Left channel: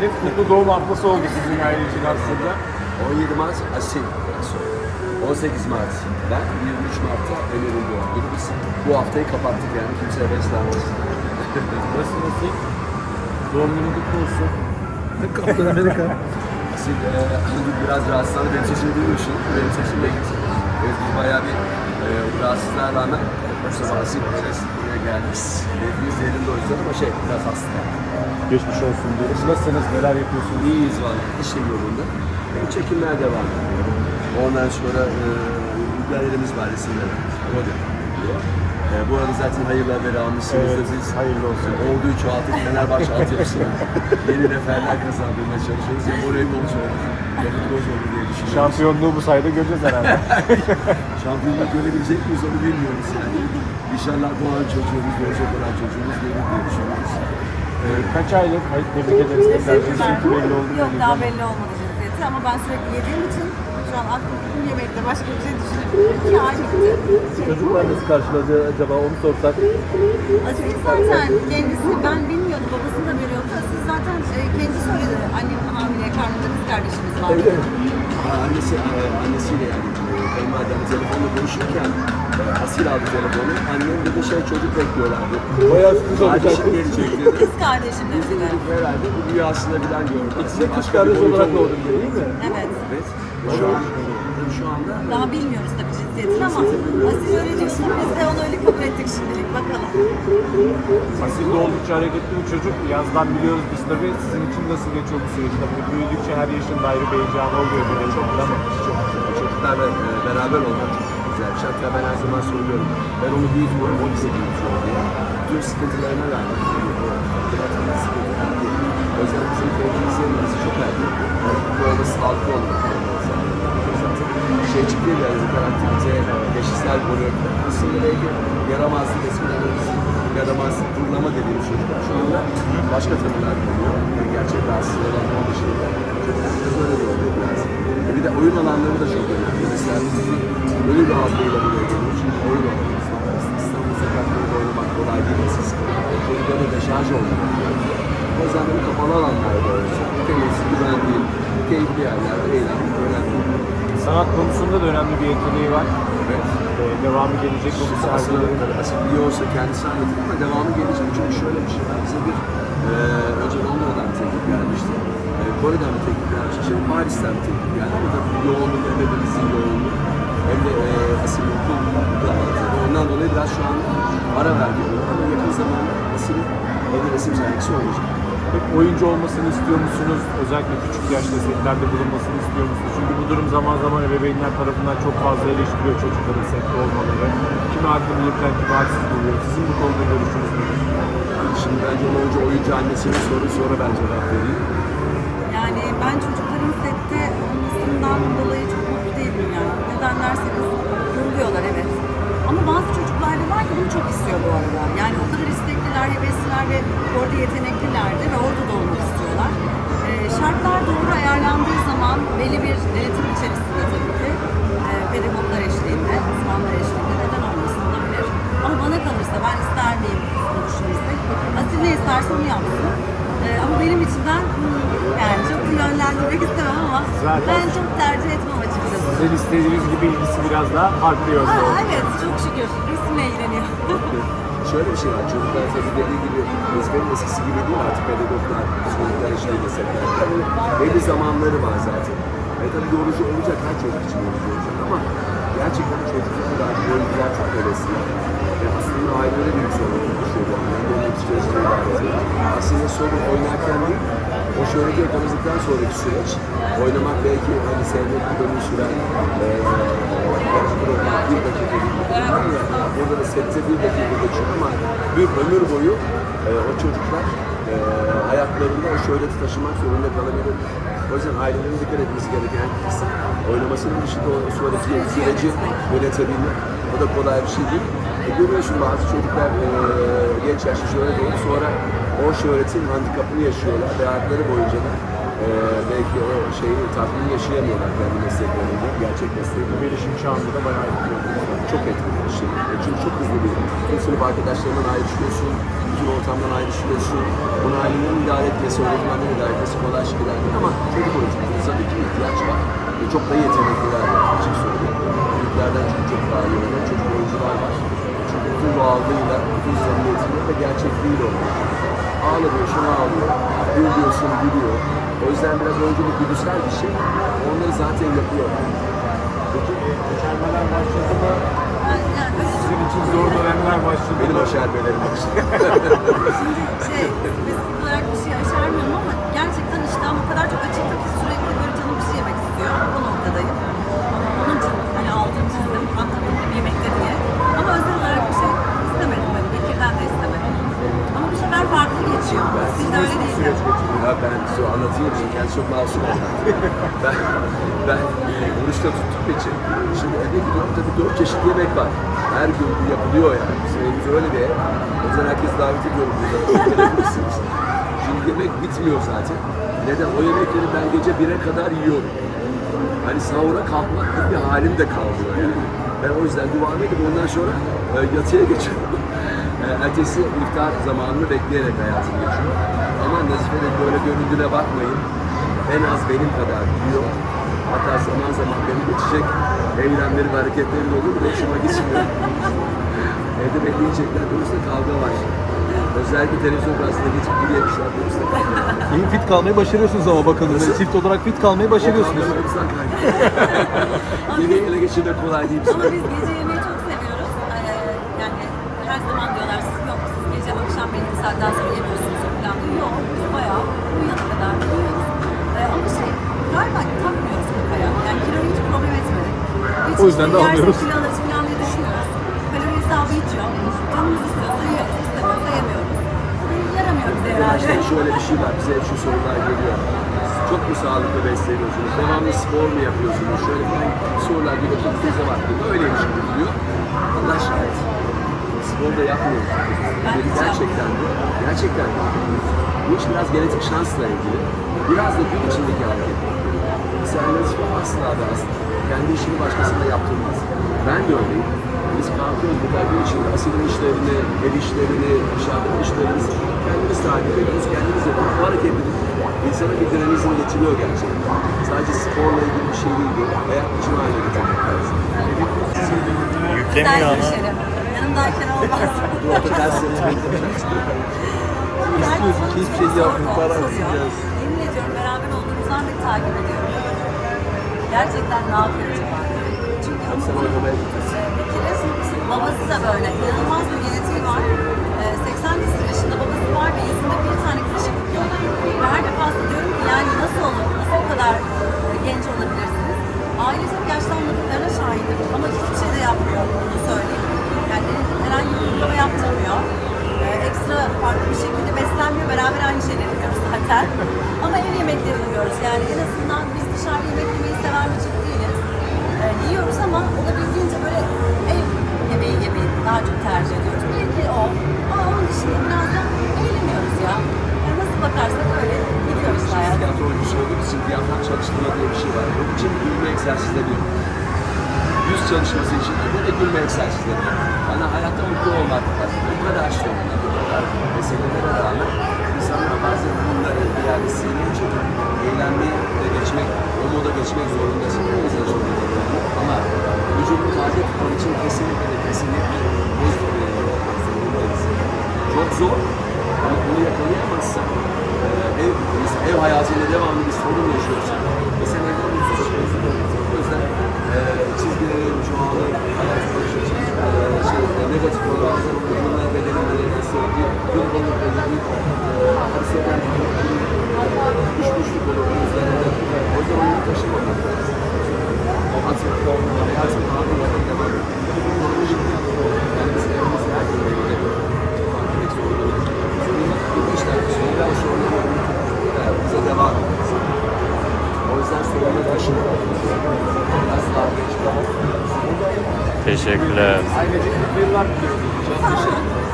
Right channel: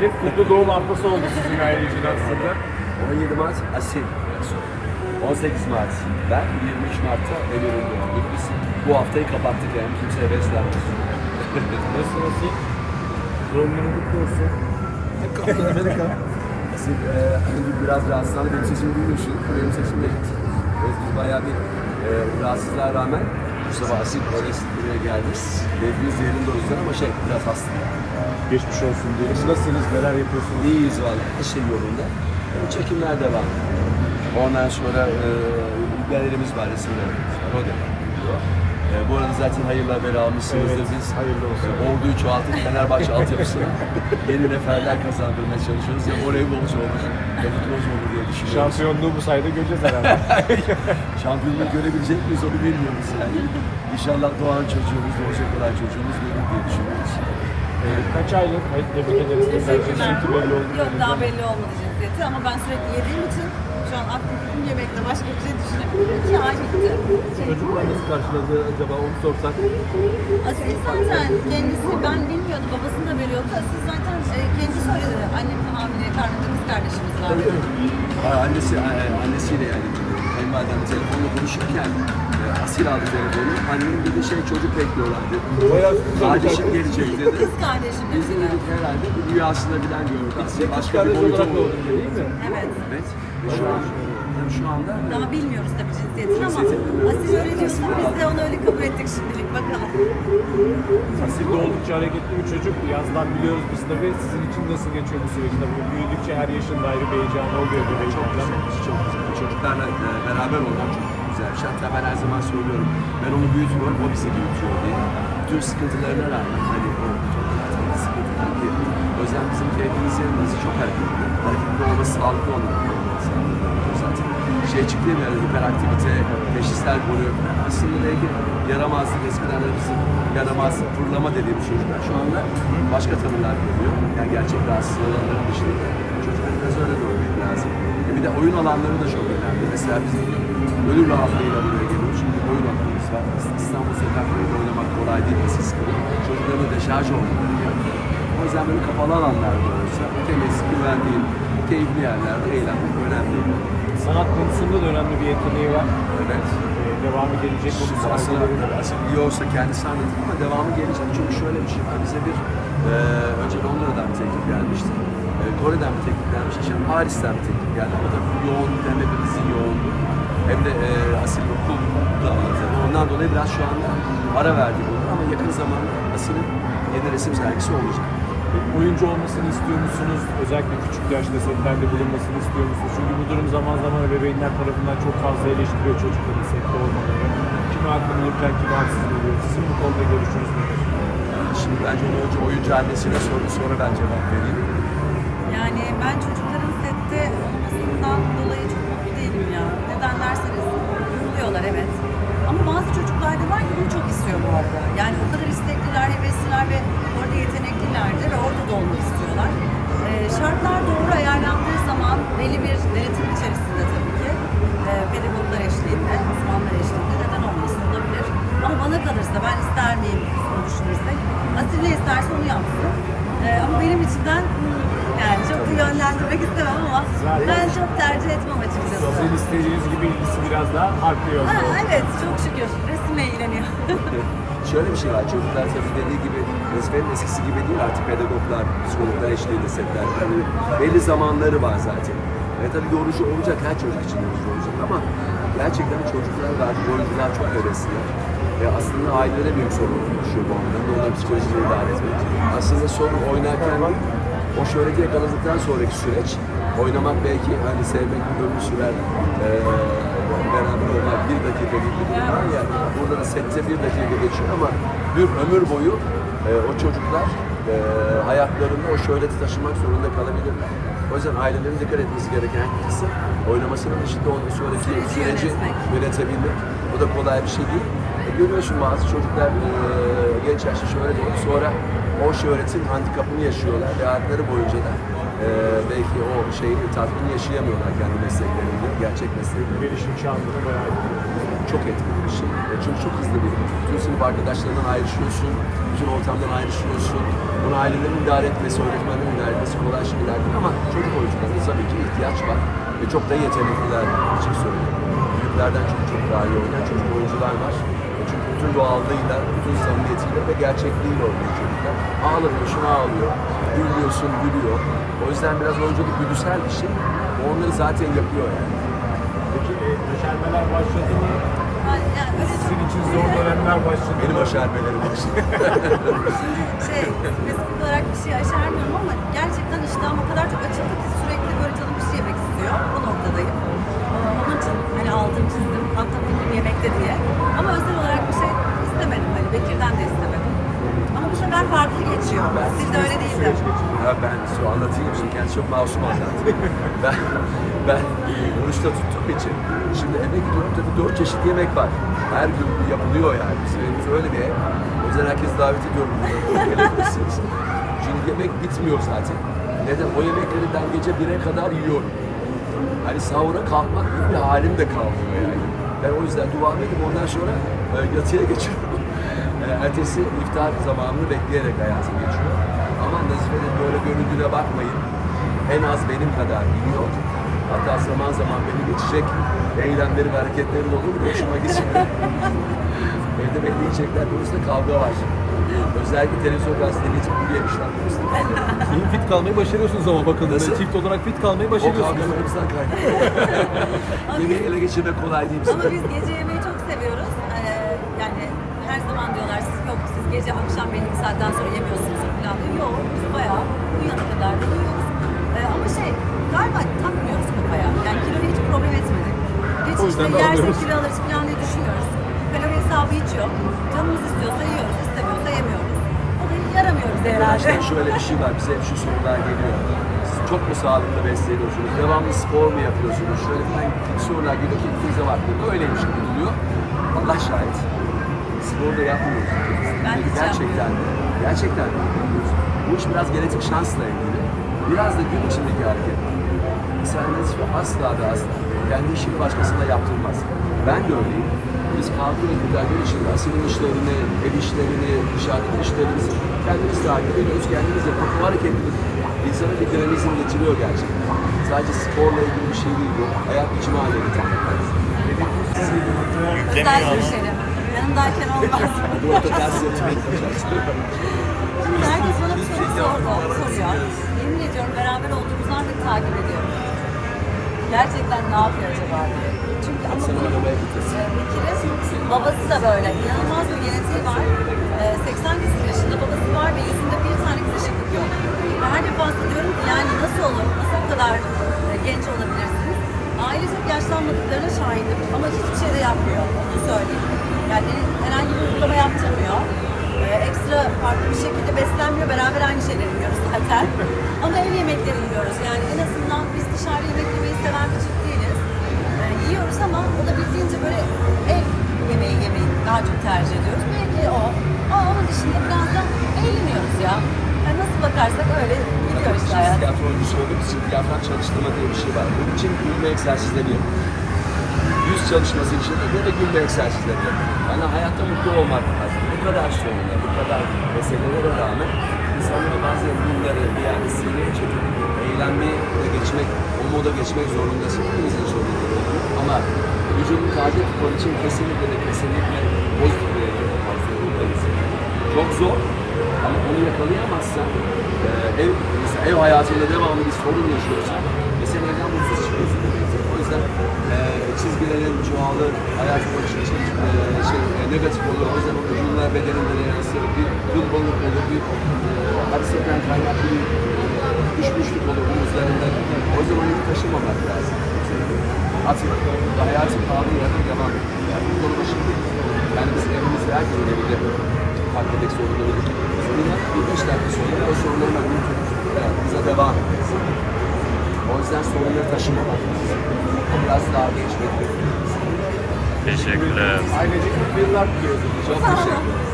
Hep mutlu doğum haftası oldu sizin aile için aslında. 17 Mart Asil. 18 Mart ben, 23 Mart'ta Ömer'in doğum günü. Biz bu haftayı kapattık yani kimseye beslenmesin. Nasıl nasıl? Doğum günü kutlu olsun. Asil e, biraz rahatsızlandı. Benim sesimi duymuyorsun. Benim sesim de gitti. Evet, biz bayağı bir e, rahatsızlığa rağmen bu sabah Asil buraya geldi. Keyfimiz yerinde o yüzden ama şey biraz hasta. Geçmiş olsun diyoruz. Nasılsınız? Neler yapıyorsunuz? İyiyiz valla. Her şey yolunda. E, Çekimler devam ediyor. Ondan sonra e, galerimiz var, resimler. O devam ediyor. E, bu arada zaten hayırlı haberi almışsınızdır Evet, biz. hayırlı olsun. E, orduyu çoğaltıp Fenerbahçe altyapısına yeni neferler kazandırmaya çalışıyoruz. Ya voleybolcu olur, ya futbolcu olur diye düşünüyoruz. Şampiyonluğu bu sayede göreceğiz herhalde. Şampiyonluğu görebilecek miyiz onu bilmiyoruz yani. İnşallah doğan çocuğumuz, doğacak olan çocuğumuz görür diye düşünüyoruz. Ee, Kaç aylık? Hayır, tebrik ederiz. Tekrar cinsiyeti belli oldu. Yok daha belli olmadı cinsiyeti ama ben sürekli yediğim için şu an aklım yemekte başka bir şey düşünemiyorum. İki ay bitti. Çocuklar nasıl karşıladı acaba onu sorsak? Aziz zaten kendisi ben bilmiyordum babasını da veriyordu. Aziz zaten e, kendi söyledi. Annem hamile karnında kız kardeşimiz var. Evet. Annesi, e, annesiyle yani kayınvalidemle telefonla konuşurken e, Asil aldı telefonu. Annem dedi şey çocuk bekliyorlardı. Kardeşim gelecek dedi. Kız kardeşim. Biz de dedik herhalde bu rüyasında bilen gördü. Asil başka bir boyuta vurdu. değil mi? Evet. Evet. Şu an, tabii şu anda Daha bilmiyoruz tabii cinsiyetini ama. Aziz öyle diyorsa biz de onu öyle kabul ettik şimdilik bakalım. Asil de oldukça hareketli bir çocuk. Yazdan biliyoruz biz tabii. Sizin için nasıl geçiyor bu süreç? Tabii büyüdükçe her yaşın da ayrı bir heyecanı oluyor. Çok güzel, çok güzel. Çocuklarla e, beraber olmak çok güzel bir şey. Hatta ben her zaman söylüyorum, ben onu büyütmüyorum, o bizi büyütüyor diye. Bütün sıkıntılarına rağmen, hani o tabii sıkıntılar diye. O yüzden bizim keyfimiz yerimiz çok hareketli. Hareketli olması, sağlıklı olmak. Şey çıktı ya biraz hiperaktivite, teşhisler falan. Aslında belki yaramazlık, eskiden de bizim yaramazlık, fırlama dediğimiz çocuklar şu anda başka tanılar konuyor. Yani gerçek rahatsız olanların dışında. Çocuklar biraz öyle görmek lazım. E bir de oyun alanları da çok önemli. Mesela biz gönül rahatlığıyla buraya geliyoruz. Çünkü oyun alanımız var. İstanbul sokaklarında oynamak kolay değil eskisi gibi. Da deşarj olmaları. O yüzden böyle kapalı alanlarda olsa, temiz, güvendiğim, keyifli yerlerde eğlenmek önemli. Sanat konusunda da önemli bir yeteneği var. Evet. Ee, devamı gelecek bu sergilerin. aslında biliyorsa kendisi anlatır ama devamı gelecek. Çünkü şöyle bir şey var. Bize bir e, önce Londra'dan bir teklif gelmişti. E, Kore'den bir teklif gelmişti. Şimdi Paris'ten bir teklif geldi. Ama tabii bu yoğunluk hem hepimizin yoğunluk hem de e, Asil'in okul da var tabii. Ondan dolayı biraz şu anda ara verdik bunu ama yakın zamanda Asil'in yeni resim sergisi olacak. Oyuncu olmasını istiyor musunuz? Özellikle küçük yaşta setlerde bulunmasını istiyor musunuz? Çünkü bu durum zaman zaman ebeveynler tarafından çok fazla eleştiriyor çocukların sette olmaları. Kimi haklı bulurken kimi haksız buluyor. Sizin bu konuda görüşünüz nedir? Şimdi bence onu önce oyuncu annesine soru sonra ben cevap vereyim. Yani ben çocukların sette olmasından dolayı çok mutlu değilim ya. Neden derseniz yoruluyorlar evet. Ama bazı çocuklar da var ki bunu çok istiyor bu arada. Yani o kadar istekliler, hevesliler ve orada yetenekliler de ve orada da olmak istiyorlar. Ee, şartlar doğru ayarlandığı zaman belli bir denetim içerisinde tabii ki e, pedagoglar eşliğinde, uzmanlar eşliğinde neden olmasın olabilir. Ama bana kalırsa ben ister miyim konuşmamızda. Asil ne isterse onu yapsın. Ee, ama benim için ben hmm, yani çok da yönlendirmek istemem ama Zaten- ben çok tercih etmem açıkçası. Sizin istediğiniz gibi ilgisi biraz daha farklı yönde. Ha, evet çok şükür resimle ilgileniyor. Şöyle bir şey var, çocuklar tabii dediği gibi vazifenin eskisi gibi değil artık pedagoglar, psikologlar eşliğinde setler. Yani belli zamanları var zaten. Ve tabii yorucu olacak, her çocuk için yorucu olacak ama gerçekten çocuklara da artık oyuncular çok hevesliler. Ve aslında ailelere büyük sorumluluk düşüyor bu anlamda, onların psikolojisini idare etmek. Aslında sorun oynarken değil, o şöhreti yakaladıktan sonraki süreç, oynamak belki hani sevmek bir ömür süren, eee beraber olmak bir dakika değil bir durum ya burada da sette bir dakika geçiyor ama bir ömür boyu e, o çocuklar e, hayatlarında o şöhreti taşımak zorunda kalabilirler. O yüzden ailelerin dikkat etmesi gereken kısım oynamasının dışında o sonraki süreci yönetebilmek. O da kolay bir şey değil. E, görüyorsun bazı çocuklar e, genç yaşta şöhret olup sonra o şöhretin handikapını yaşıyorlar ve hayatları boyunca da e, belki o şeyi tatmini yaşayamıyorlar kendi mesleklerinde, gerçek mesleklerinde Gelişim çağında da bayağı etkiliyor. çok etkili bir şey. E, Çünkü çok hızlı bir, bütün sınıf arkadaşlarından ayrışıyorsun, bütün ortamdan ayrışıyorsun. Bunu ailelerin idare etmesi, öğretmenlerin idare etmesi kolay şeyler değil ama çocuk oyuncularına tabii ki ihtiyaç var. Ve çok da yetenekliler var açık söyleyeyim. Büyüklerden çok çok daha iyi oynayan çocuk oyuncular var. Bütün doğallığıyla, bütün samimiyetiyle ve gerçekliğiyle oynuyor çocuklar. Ağlamıyorsun, ağlıyor. Gül diyorsun, gülüyor. O yüzden biraz oyunculuk güdüsel bir şey. Onları zaten yapıyor yani. Peki başarmalar başladı mı? Sizin için zor dönemler başladı Benim mı? o şerbelerim için. Şimdi şey, spesifik olarak bir şey aşermiyorum ama gerçekten iştahım o kadar çok açıldı ki sürekli böyle canım bir şey yemek istiyor. O noktadayım. Ama onun için hani altını çizdim, atladım yemekte diye. Bekir'den de istemedim. Ama bu sefer farklı geçiyor. Ben- Siz de öyle değil de. Ya ben sonra anlatayım şimdi kendisi çok masum olacak. ben ben oruçta tuttuğum için şimdi eve gidiyorum tabii dört çeşit yemek var. Her gün bu yapılıyor yani. Bizim evimiz öyle bir ev. O yüzden herkes davet ediyorum burada. Gelebilirsiniz. Yemek bitmiyor zaten. Neden? O yemekleri ben gece 1'e kadar yiyorum. Hani sahura kalkmak gibi bir halim de kalmıyor yani. Ben o yüzden duamı edip ondan sonra e, yatıya geçiyorum. E, ertesi iftar zamanını bekleyerek hayatım geçiyor. Ama Nazife de böyle göründüğüne bakmayın. En az benim kadar biliyor. Hatta zaman zaman beni geçecek eylemleri ve hareketleri de olur. Hoşuma gitmiyor. Evde beni yiyecekler konusunda kavga var. Özellikle televizyon karşısında geçip yürüyemişler konusunda kavga var. İyi fit kalmayı başarıyorsunuz ama bakın Nasıl? çift olarak fit kalmayı O başarıyorsunuz. kavgalarımızdan kaynaklı. Yemeği ele geçirmek kolay değil. Ama biz gece zaman diyorlar siz yok siz gece akşam belli bir saatten sonra yemiyorsunuz falan diyor. Yok biz bayağı uyuyana kadar da yiyoruz. Ee, ama şey galiba takmıyoruz kafaya. Yani kiloyu hiç problem etmedik. Hiç O yüzden işte yersek kilo alırız falan diye düşünüyoruz. Kalori hesabı hiç yok. Canımız istiyorsa yiyoruz, istemiyorsa yemiyoruz. O beni yaramıyor bize herhalde. Arkadaşlar şöyle bir şey var, bize hep şu sorular geliyor. Siz çok mu sağlıklı besleniyorsunuz, devamlı spor mu yapıyorsunuz, şöyle falan sorular geliyor ki bize baktığında öyleymiş gibi duruyor. Allah şahit. Spor da yapmıyoruz. Hiç gerçekten de, gerçekten de. Bu iş biraz genetik şansla ilgili. Biraz da gün içindeki hareket. Mesela Nazife asla ve asla kendi işini başkasına yaptırmaz. Ben de öyleyim. Biz kalkıyoruz bir gün içinde asilin işlerini, ev işlerini, dışarıdaki işlerimizi kendimiz takip ediyoruz, kendimiz yapıyoruz. Bu hareketlilik insana bir dinamizm getiriyor gerçekten. Sadece sporla ilgili bir şey değil bu. Hayat biçimi haline getirmek lazım. Güzel bir şey. Yanımdayken olmaz. Dur orta ters seçmeyi konuşacaksın. Herkes bana bir soru sor- soruyor. Yemin ediyorum beraber olduğumuzdan beri takip ediyorum. Gerçekten ne yapıyor acaba? Çünkü ama. Bekir'in babası da böyle. İnanılmaz bir genetiği var. Ee, 80 küsur yaşında babası var ve yüzünde bir tane kızışıklık yok. Ve her defasında diyorum ki yani nasıl olur? Nasıl o kadar e, genç olabilirsiniz? Ailecek yaşlanmadıklarına şahidim ama hiçbir bakarsak öyle gidiyoruz işte hayat. Tiyatro oyuncusu olduğumuz için diyafram çalıştırma diye bir şey var. Bunun için gülme egzersizleri yapıyor. Yüz çalışması için de böyle gülme egzersizleri yapıyor. Yani hayatta mutlu olmak lazım. Bu kadar sorunlar, bu kadar meselelere rağmen insanlar bazen bunları bir yerde sineye çekip eğlenmeye de geçmek, o moda geçmek zorundasın. Hepimizin var. Ama vücudunu taze tutmak için kesinlikle ve kesinlikle pozitif bir bakmak zorundayız. Çok zor ama onu yakalayamazsan ev, mesela ev hayatında devamlı bir sorun yaşıyorsan ve sen evden mutsuz çıkıyorsun demektir. O yüzden e, çizgilerin çoğalır, hayat bakış açın e, şey, e, negatif olur, o zaman vücuduna bedenine de yansır, bir gımbalık olur, bir e, hareketten kaynaklı bir düşmüşlük olur bunun. O zaman onu taşımamak lazım. Atmak. Hayatın kanunu yakın devam ediyor. Bu konu şimdi. Yani biz evimizde her gün evinde farklı bir sorun olur. Sonra bir beş dakika sonra o sorunu hemen unutup hayatımıza devam ederiz. O yüzden sorunları taşımamak. Biraz daha geçmek. Teşekkürler. Ayrıca yıllar diliyorum. Çok teşekkür ederim.